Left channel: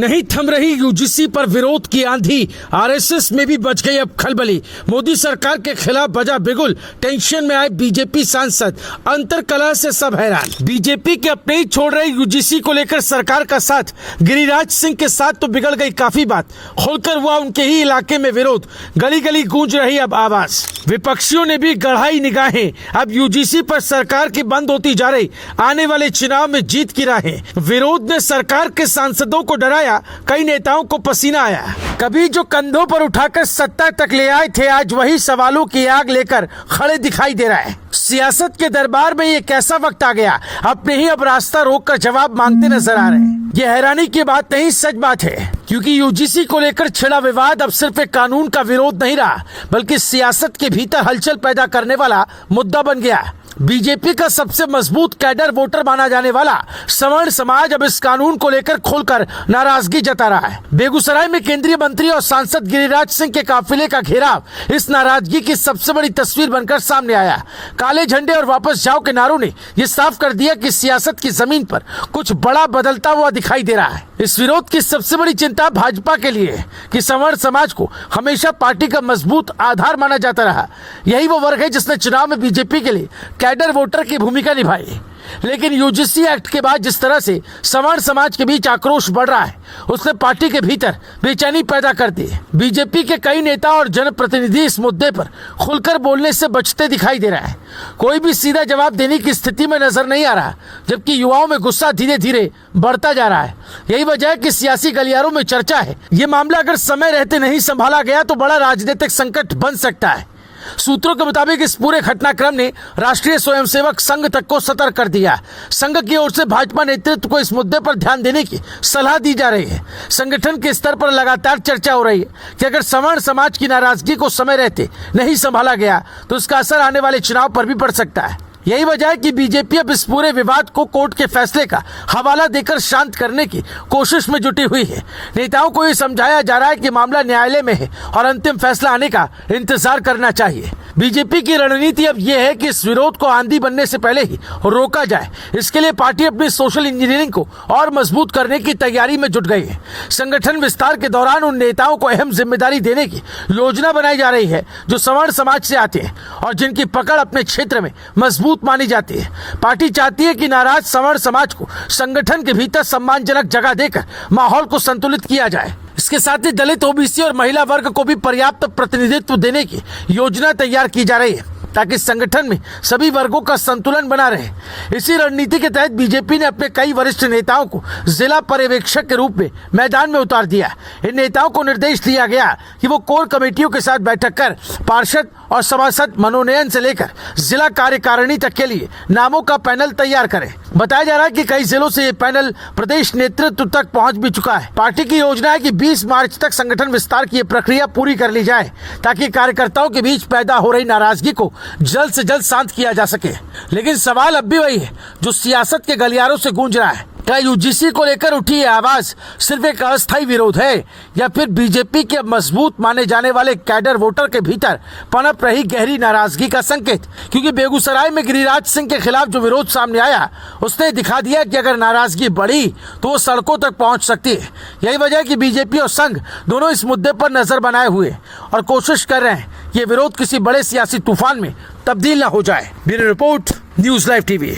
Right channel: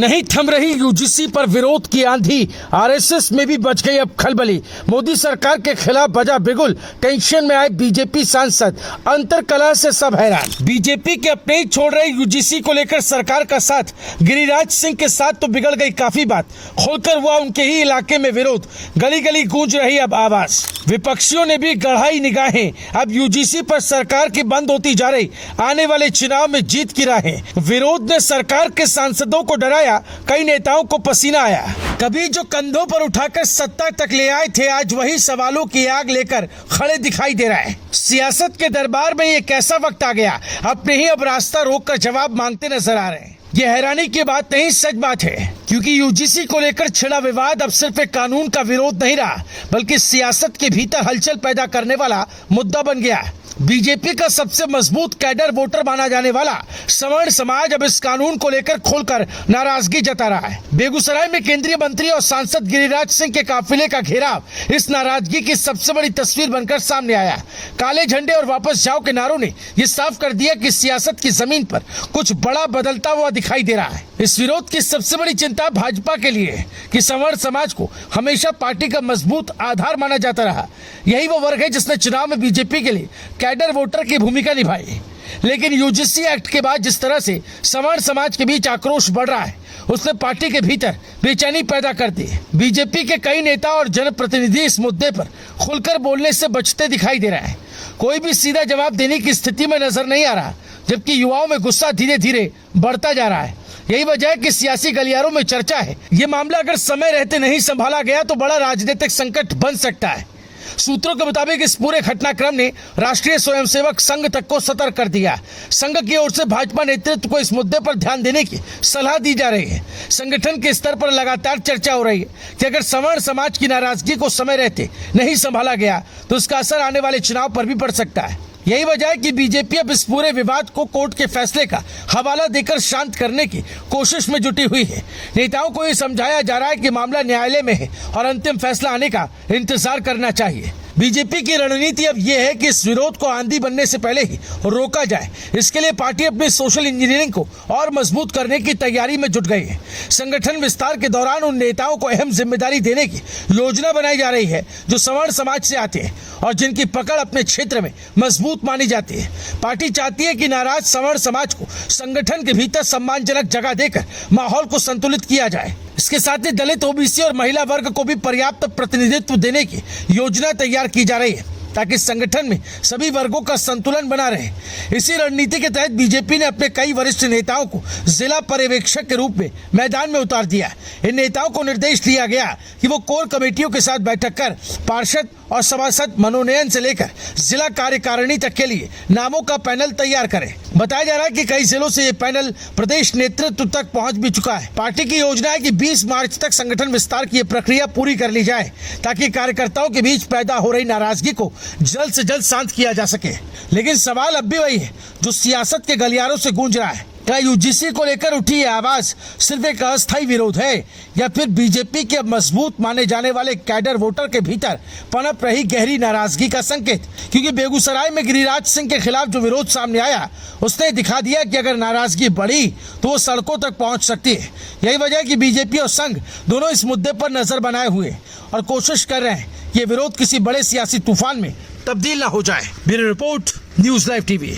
नहीं थम रही यूजीसी पर विरोध की आंधी, आरएसएस में भी बच गई अब खलबली। मोदी सरकार के खिलाफ बजा बिगुल, टेंशन में आए बीजेपी सांसद, अंतर कलह से सब हैरान। बीजेपी के अपने ही छोड़ रहे यूजीसी को लेकर सरकार का साथ, गिरिराज सिंह के साथ तो बिगड़ गई काफी बात। खोलकर हुआ उनके ही इलाके में विरोध, गली गली गूंज रही अब आवाज। विपक्षियों ने भी गढ़ाई निगाहें, अब यूजीसी पर सरकार की बंद होती जा रही आने वाले चुनाव में जीत की राहें। विरोध ने सरकार के सांसदों को डराया, कई नेताओं को पसीना आया। कभी जो कंधों पर उठाकर सत्ता तक ले आए थे, आज वही सवालों की आग लेकर खड़े दिखाई दे रहा है। सियासत के दरबार में ये कैसा वक्त आ गया, अपने ही अब रास्ता रोककर जवाब मांगते नजर आ रहे हैं। ये हैरानी की बात नहीं, सच बात है, क्योंकि यूजीसी को लेकर छिड़ा विवाद अब सिर्फ एक कानून का विरोध नहीं रहा, बल्कि सियासत के भीतर हलचल पैदा करने वाला मुद्दा बन गया। बीजेपी का सबसे मजबूत कैडर वोटर माना जाने वाला सवर्ण समाज अब इस कानून को लेकर खोलकर नाराजगी जता रहा है। बेगूसराय में केंद्रीय मंत्री और सांसद गिरिराज सिंह के काफिले का घेराव इस नाराजगी की सबसे बड़ी तस्वीर बनकर सामने आया। काले झंडे और वापस जाओ के नारों ने यह साफ कर दिया कि सियासत की जमीन पर कुछ बड़ा बदलता हुआ दिखाई दे रहा है। इस विरोध की सबसे बड़ी चिंता भाजपा के लिए है कि सवर्ण समाज को हमेशा पार्टी का मजबूत आधार माना जाता रहा। यही वो वर्ग है जिसने चुनाव में बीजेपी के लिए कैडर वोटर की भूमिका निभाई। लेकिन यूजीसी एक्ट के बाद जिस तरह से सवर्ण समाज के बीच आक्रोश बढ़ रहा है, उसने पार्टी के भीतर बेचैनी पैदा कर दी। बीजेपी के कई नेता और जनप्रतिनिधि इस मुद्दे पर खुलकर बोलने से बचते दिखाई दे रहा है। कोई भी सीधा जवाब देने की स्थिति में नजर नहीं आ रहा, जबकि युवाओं में गुस्सा धीरे धीरे बढ़ता जा रहा है। यही वजह है कि सियासी गलियारों में चर्चा है, ये मामला अगर समय रहते नहीं संभाला गया तो बड़ा राजनीतिक संकट बन सकता है। सूत्रों के मुताबिक इस पूरे घटनाक्रम ने राष्ट्रीय स्वयंसेवक संघ तक को सतर्क कर दिया। संघ की ओर से भाजपा नेतृत्व को इस मुद्दे पर ध्यान देने की सलाह दी जा रही है। संगठन के स्तर पर लगातार चर्चा हो रही है कि अगर सवर्ण समाज की नाराजगी को समय रहते नहीं संभाला गया तो इसका असर आने वाले चुनाव पर भी पड़ सकता है। यही वजह है कि बीजेपी अब इस पूरे विवाद को कोर्ट के फैसले का हवाला देकर शांत करने की कोशिश में जुटी हुई है। नेताओं को ये समझाया जा रहा है कि मामला न्यायालय में है और अंतिम फैसला आने का इंतजार करना चाहिए। बीजेपी की रणनीति अब यह है कि इस विरोध को आंधी बनने से पहले ही रोका जाए। इसके लिए पार्टी अपनी सोशल इंजीनियरिंग को और मजबूत करने की तैयारी में जुट गई है। संगठन विस्तार के दौरान उन नेताओं को अहम जिम्मेदारी देने की योजना बनाई जा रही है जो सवर्ण समाज से आते हैं और जिनकी पकड़ अपने क्षेत्र में मजबूत मानी जाती है। पार्टी चाहती है कि नाराज सवर्ण समाज को संगठन के भीतर सम्मानजनक जगह देकर माहौल को संतुलित किया जाए। इसके साथ ही दलित, ओबीसी और महिला वर्ग को भी पर्याप्त प्रतिनिधित्व देने की योजना तैयार की जा रही है ताकि संगठन में सभी वर्गों का संतुलन बना रहे। इसी रणनीति के तहत बीजेपी ने अपने कई वरिष्ठ नेताओं को जिला पर्यवेक्षक के रूप में मैदान में उतार दिया। इन नेताओं को निर्देश दिया गया कि वो कोर कमेटियों के साथ बैठक कर पार्षद और सभासद मनोनयन से लेकर जिला कार्यकारिणी तक के लिए नामों का पैनल तैयार करें। बताया जा रहा है कि कई जिलों से ये पैनल प्रदेश नेतृत्व तक पहुंच भी चुका है। पार्टी की योजना है कि 20 मार्च तक संगठन विस्तार की प्रक्रिया पूरी कर ली जाए ताकि कार्यकर्ताओं के बीच पैदा हो रही नाराजगी को जल्द से जल्द शांत किया जा सके। लेकिन सवाल अब भी वही है जो सियासत के गलियारों से गूंज रहा है, क्या यूजीसी को लेकर उठी ये आवाज सिर्फ एक अस्थायी विरोध है या फिर बीजेपी के मजबूत माने जाने वाले कैडर वोटर के भीतर पनप रही गहरी नाराजगी का संकेत? क्योंकि बेगूसराय में गिरिराज सिंह के खिलाफ जो विरोध सामने आया, उसने दिखा दिया कि अगर नाराजगी बढ़ी तो वो सड़कों तक पहुंच सकती है। यही वजह है कि बीजेपी और संघ दोनों इस मुद्दे पर नजर बनाए हुए और कोशिश कर रहे हैं ये विरोध किसी बड़े सियासी तूफान में तब्दील न हो जाए। Bureau report, news live TV.